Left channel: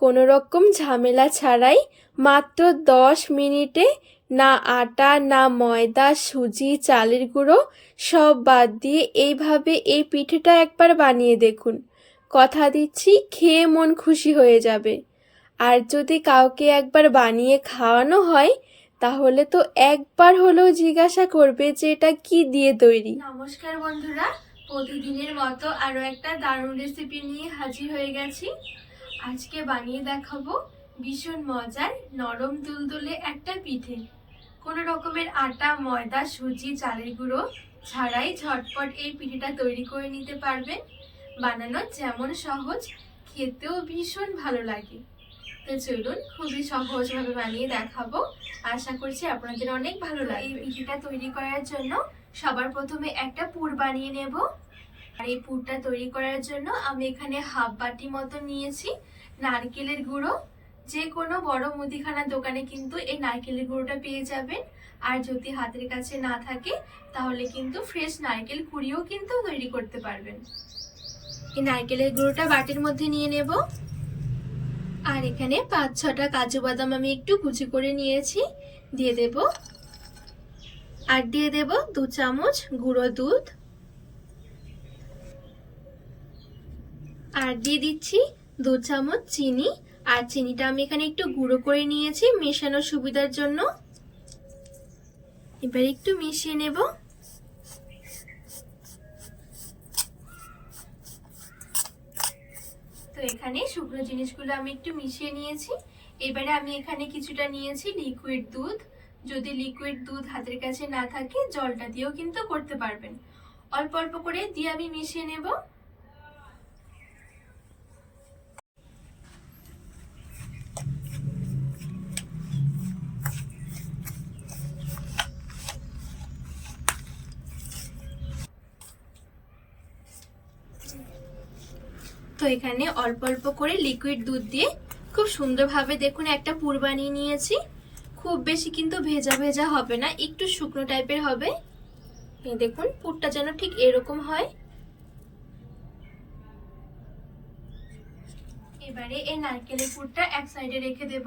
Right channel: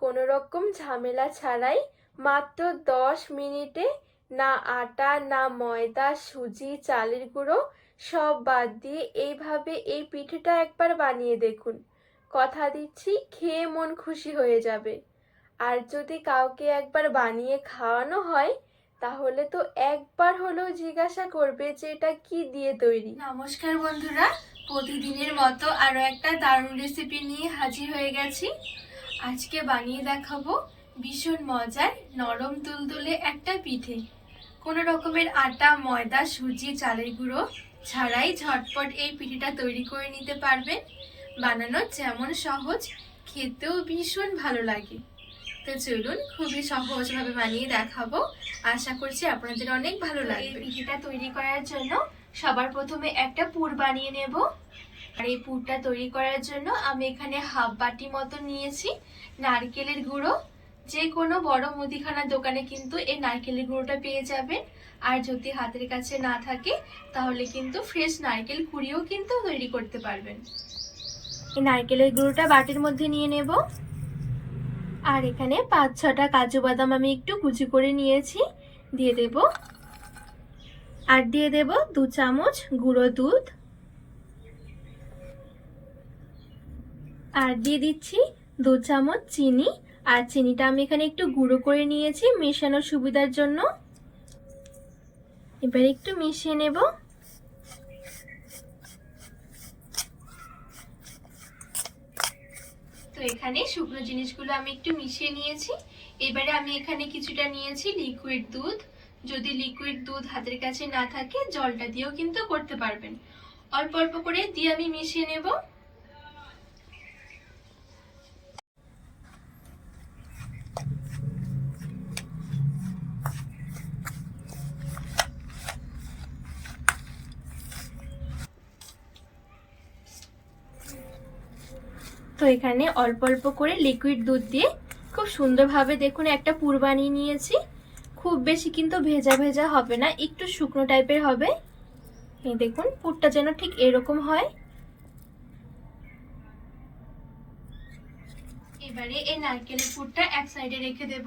কোনো রকম ঝামেলা ছাড়াই মাত্র দশ মিনিটে না আটা, না ময়দা, সুজি, চালের গুঁড়ো সব বাদ দিয়ে এইভাবে এই পিঠেটা একবার বানিয়ে দেখুন। কথা দিচ্ছি, খেয়ে মন খুশি হয়ে যাবে। আর যদি কাউকে একবার বানিয়ে খাওয়ানো হয়, তাহলে তো একবার হলেও জিজ্ঞাসা করবে যে এটা কি দিয়ে তৈরি। নমস্কার বন্ধুরা, প্রতিদিনের মতো আরও একটা দারুণ রেসিপি নিয়ে হাজির হয়ে গেছি। আজকে বানিয়ে দেখাবো ভীষণ মজার নরম তুলতুলে একটা পিঠে। কোনো রকমের আটা ময়দা সুজি চালের গুঁড়ো ছাড়াই ঝটপট এই পিঠেটা তৈরি করে নিতে পারবেন। বানানো যেমন সহজ খেতেও ভীষণ ভালো লাগে। তো চলুন খুবই সহজভাবে বানিয়ে দেখাবো। আশা করছি আপনাদের অনেক ভালো লাগে এই পিঠেটা তৈরি করার জন্য সবার প্রথমে একটা পুর বানিয়ে নেব। আর এই পুরটা তৈরি করার জন্য আমি এখানে হাফ বাটি মতো নিয়েছি নারকেলের গুঁড়ো। যে কোনো বড় মুদিখানা দোকানে কিন্তু এই নারকেলের গুঁড়োটা পেয়ে যাবেন। আর যদি হাতের কাছে না থাকে, তাহলে কিন্তু ফ্রেশ নারকেল কুড়িও কিন্তু তৈরি করতে পারবেন। এই নারকেলের গুঁড়োটা বাটির মধ্যে নিয়ে নেব। আর এখানে পাঁচ ছটা কাজু বাদাম আমি একটু কুচি করে নিয়েছি। দিয়ে দেব। আর দিয়ে দেব দু চামচ গুঁড়ো দুধ। আর দিয়ে দিচ্ছি দু চামচ চিনি। আর চিনিটা আমি এখানে একটু গুঁড়ো করে নিয়েছি মেশানোর সুবিধার জন্য। এবার একটু মিশিয়ে নেব। তো এখানে শুকনো জিনিসগুলো আমি একটু মিশিয়ে নিয়েছি। এবারে আমি এখানে কিছুটা নিয়েছি লিকুইড দুধ। যদি লিকুইড দুধ হাতের কাছে না থাকে, জলটা দিয়েও কিন্তু করতে পারবেন। অল্প অল্প করে দিয়ে আমি মিশিয়ে নেব। তো এখানে অল্প অল্প করে লিকুইড দুধ দিয়ে খুব সুন্দরভাবে দেখুন একটা পুর বানিয়ে নিয়েছি। খুব বেশি কিন্তু ভেজা ভেজা হবে না, একটু শুকনো টাইপের হবে। এই দেখুন পুরটা যেন ঠিক এরকম হয়। এবারে এই নারকেলের পুরটা এক সাইডে রেখে দেব।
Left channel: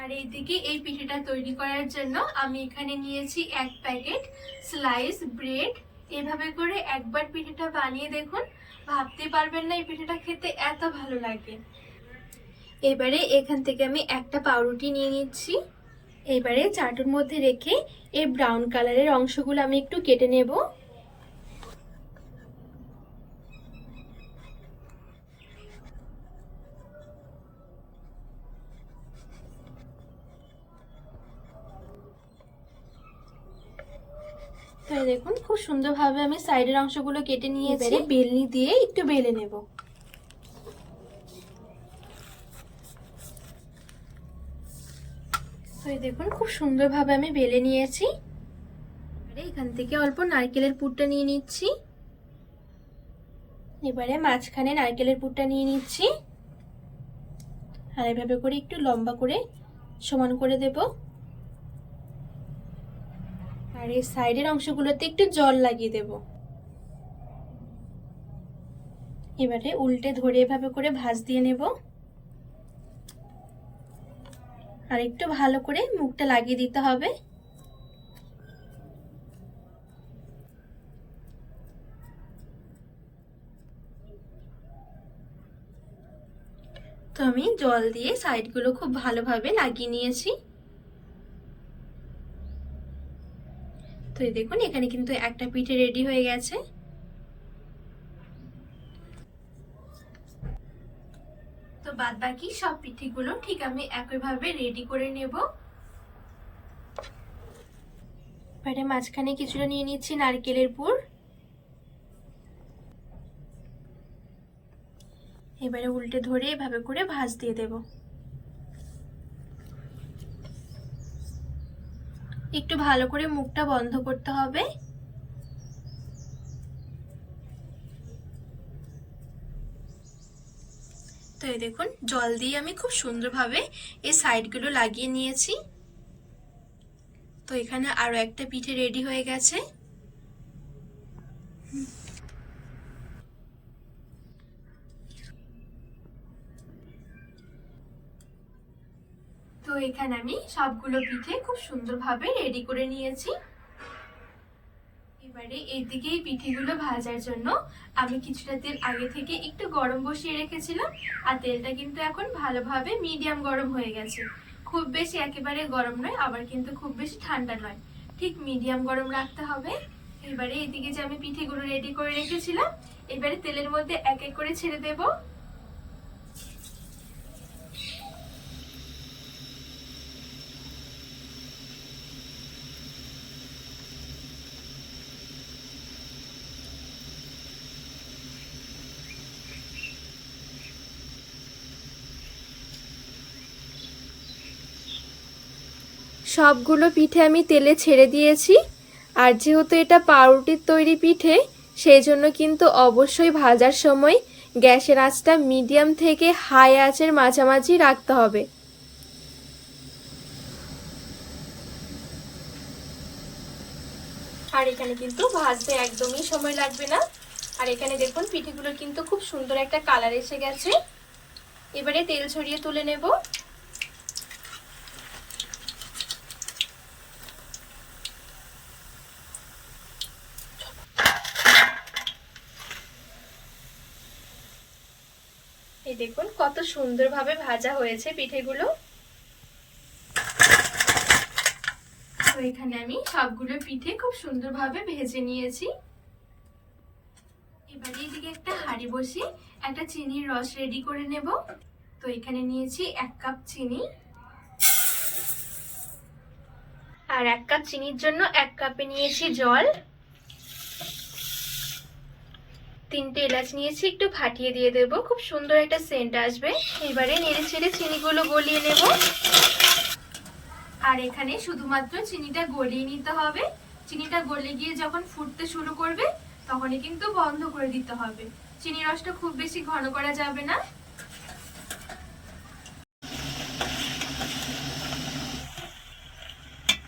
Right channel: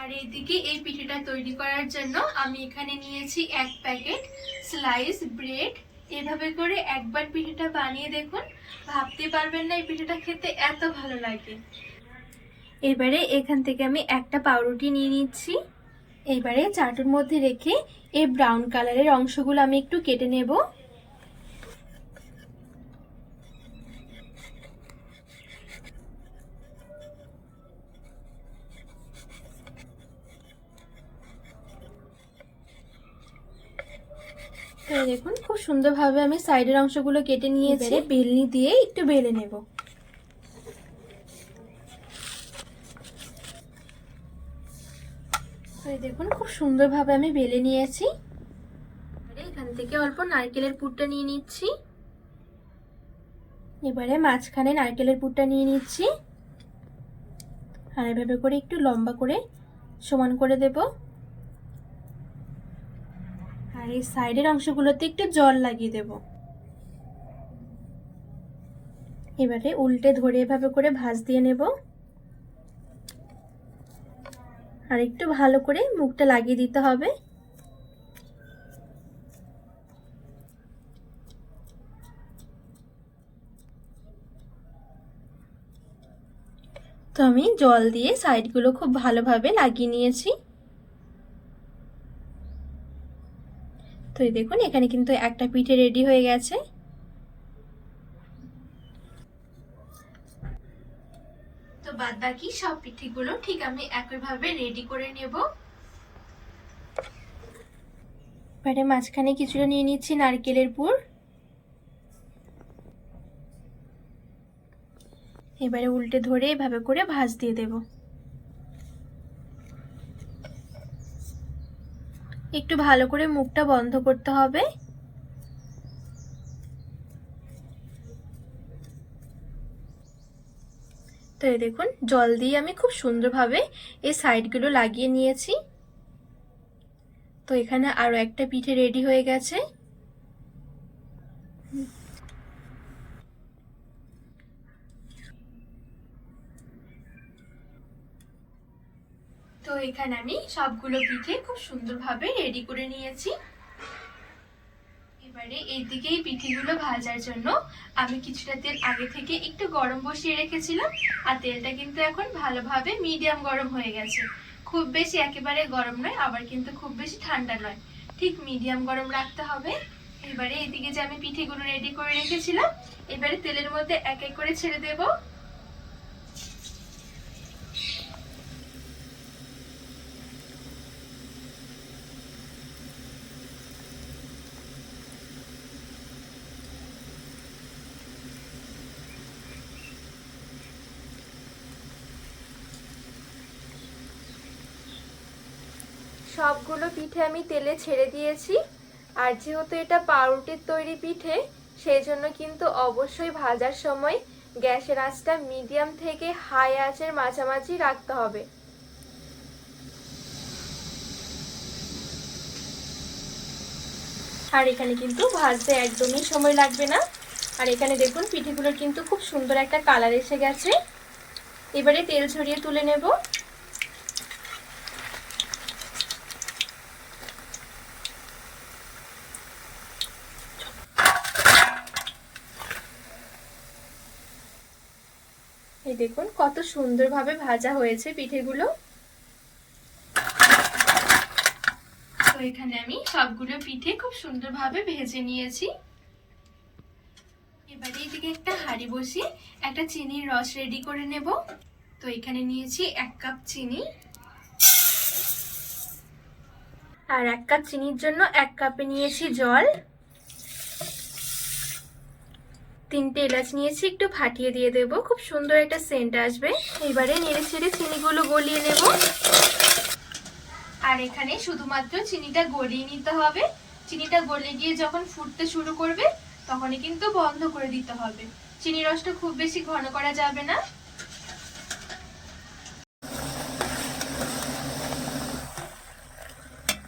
আর এইদিকে এই পিঠেটা তৈরি করার জন্য আমি এখানে নিয়েছি এক প্যাকেট স্লাইস ব্রেড এভাবে করে একবার পিঠেটা বানিয়ে দেখুন। ভাবতে পারবেন না এই পিঠেটা খেতে এত ভালো লাগে। এবারে এখান থেকে আমি একটা পাউরুটি নিয়ে নিচ্ছি। এবারে চাটুর মধ্যে রেখে এই ব্রাউন কালারের অংশগুলো আমি একটু কেটে নেব। দেখুন খুব সুন্দরভাবে আমি সাইডের অংশগুলো কেটে নিয়েছি বেলনি দিয়ে একটু বেলে নেব। তো দেখুন খুব সুন্দরভাবে আমি বেলে নিয়েছি। এখান থেকে অল্প নারকেলের পুরটা নিয়ে নিচ্ছি। এবারে মাঝখানে নারকেলের পুরটা নিয়ে নিচ্ছি। আর এভাবে করে একটু লম্বা করে সমান করে দেবো। আর এই সাইডের অংশগুলোতে একটু জল লাগিয়ে দেব। এবারে উল্টে ধরে এভাবে করে ভাজ দিয়ে নেব। আর একটু ভালো করে মুখটা লাগিয়ে দিতে হবে। তো আমি জল দিয়ে সাইডগুলো খুব ভালোভাবে লাগিয়ে নিয়েছি। তো দেখুন, এখানে কিন্তু একটা পিঠে রেডি হয়ে গেছে। তো বাদ বাকি সব পিঠেগুলো ঠিক আমি একইভাবে রেডি করে নেব। এবারে মাঝখানে কিছুটা নিয়ে নিচ্ছি নারকেলের পুর। এবারে উল্টে ধরে এভাবে করে ভাজ দিয়ে দেবো। একটু ভালো করে মুখটা বন্ধ করতে হবে। তো এই দেখুন, জল দিয়ে আমি খুব সুন্দরভাবে এই সাইডগুলো লাগিয়ে নিয়েছি। তো এখানে আরও একটা পিঠে রেডি হয়ে গেছে। এখানে আমি সবগুলো পিঠে খুব সুন্দরভাবে রেডি করে নিয়েছি। এবারে এইদিকে এই পিঠেগুলো ভাজার জন্য আমি কিছুটা তেল আগে থেকে একটু গরম বসিয়ে রেখেছিলাম, আর তেলটা কিন্তু এখন ভালোভাবে মিডিয়াম গরম হয়ে গেছে। খুব বেশি একেবারে গরম নয়, আবার কিন্তু খুব বেশি ঠান্ডা নয়। ঠিক মিডিয়াম গরম রাখতে হবে। এবারে এদিকে যে আমি পিঠেগুলো রেডি করে রেখেছিলাম, এবারে তেলের মধ্যে এক এক করে ছেড়ে দেবো। সবগুলো পিঠে আমি তেলে ছেড়ে দিয়েছি। আর যেহেতু এটা পাউরুটির তৈরি পিঠে, সেই জন্য কিন্তু অবশ্যই ভাজার সময় গ্যাসের আঁচটা মিডিয়াম থেকে হাই আঁচের মাঝামাঝি রাখতে হবে। আর এখানে কিন্তু ভাজতে একদমই সময় লাগবে না। আর এখানে দেখুন, পিঠেগুলোর কিন্তু খুব সুন্দর একটা কালার এসে গেছে। এবারে তেল ছড়িয়ে তুলে নেব। এই দেখুন, কত সুন্দরভাবে ভাজা হয়েছে পিঠেগুলো। তো এখানে আমি সবগুলো পিঠে খুব সুন্দরভাবে ভেজে নিয়েছি। এবারে এদিকে একটা হাঁড়ি বসিয়ে একটা চিনির রস রেডি করে নেব। তো এখানে নিয়েছি এক কাপ চিনি। আর এক কাপ চিনির জন্য এক কাপে নিয়েছি জল। তিনটে এলাচ নিয়েছি, একটু ফাটিয়ে দিয়ে দেব। খুব সুন্দর একটা সেন্ট আসবে। এবারে নেড়ে ছেড়ে চিনিগুলো গলিয়ে নেব। আর এখানে শুধুমাত্র চিনিটা গলিয়ে নিতে হবে। চিনিটা গলে গিয়ে যখন ফুটতে শুরু করবে, তখনই কিন্তু বন্ধ করে দিতে হবে। চিনি রসটা খুব বেশি ঘন করা যাবে না।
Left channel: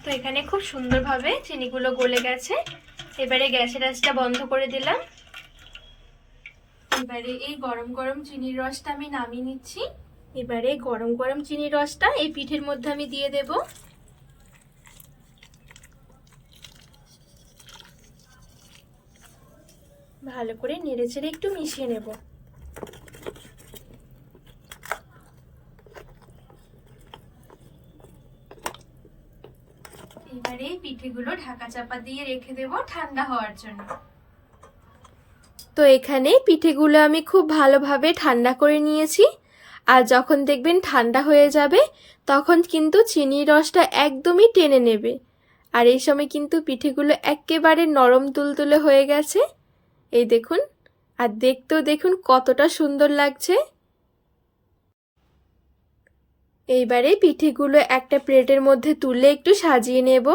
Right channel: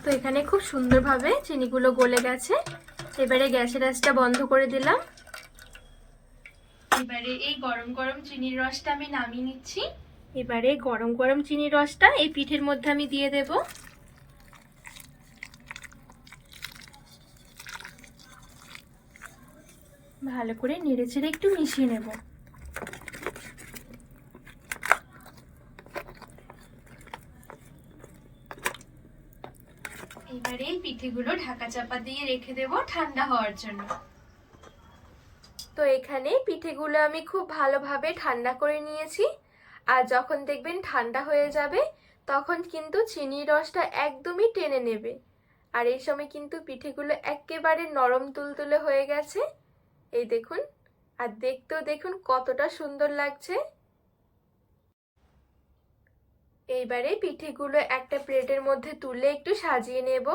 তো এখানে খুব সুন্দরভাবে চিনিগুলো গলে গেছে। এবারে গ্যাসের আঁচটা বন্ধ করে দিলাম। এবারে এই গরম গরম চিনির রসটা আমি নামিয়ে নিচ্ছি। এবারে গরম গরম চিনির রসটা এই পিঠের মধ্যে আমি দিয়ে দেব। ভালো করে নেড়ে চেড়ে একটু মিশিয়ে নেব। এবারে এই পিঠেগুলো ঢাকা চাপা দিয়ে রেখে দেব ঠান্ডা হওয়ার জন্য। তো এখানে পিঠেগুলো আমি খুব ভালোভাবে ঠান্ডা করে নিয়েছি। আর যখন দেখবেন ঠান্ডা হয়ে যাবে, তখন কিন্তু চিনির রসটা একদমই টেনে নেবে। আর এই সময় কিন্তু পিঠেগুলো একেবারে নরম তুলতুলে হয়ে গেছে। এই দেখুন, আর দেখতেও দেখুন কতটা সুন্দর লাগছে। এইবারে পিঠেগুলো একটা প্লেটের মধ্যে তুলে একটু সাজিয়ে নেব।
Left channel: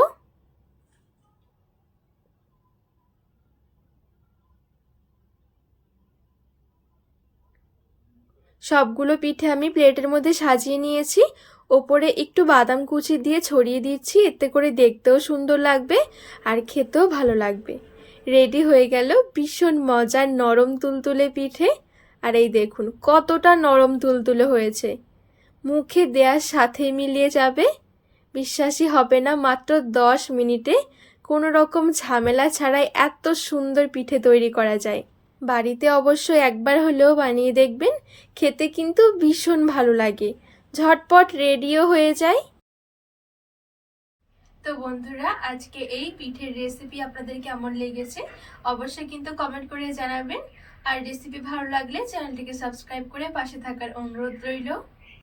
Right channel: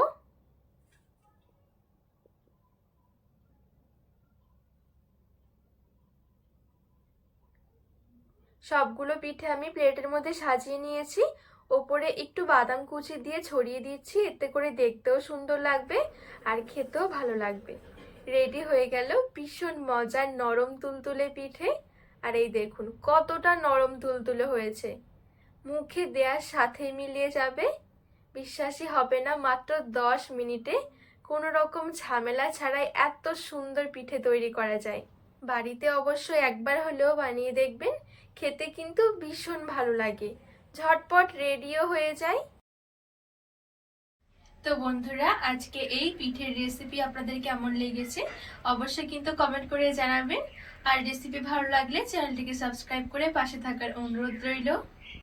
সবগুলো পিঠে আমি প্লেটের মধ্যে সাজিয়ে নিয়েছি। ওপরে একটু বাদাম কুচি দিয়ে ছড়িয়ে দিচ্ছি, এতে করে দেখতেও সুন্দর লাগবে আর খেতেও ভালো লাগবে। রেডি হয়ে গেল ভীষণ মজার নরম তুলতুলে পিঠে। আর এই দেখুন, কতটা নরম তুলতুলে হয়েছে। মুখে দেওয়ার সাথে মিলিয়ে যাবে। বিশ্বাসই হবে না, মাত্র দশ মিনিটে কোনো রকম ঝামেলা ছাড়াই এত সুন্দর পিঠে তৈরি করা যায়। বাড়িতে অবশ্যই একবার হলেও বানিয়ে দেখবেন, খেতে কিন্তু ভীষণ ভালো লাগে। ঝটপট রেডিও হয়ে যায়। তো বন্ধুরা, আজকে এই পিঠের রেসিপি আপনাদের কেমন লেগেছে অবশ্যই কিন্তু কমেন্ট করে জানাবেন। আর রেসিপি ভালো লাগলে চ্যানেলটিকে সাবস্ক্রাইব করে পাশে থাকার অনুরোধ রইল।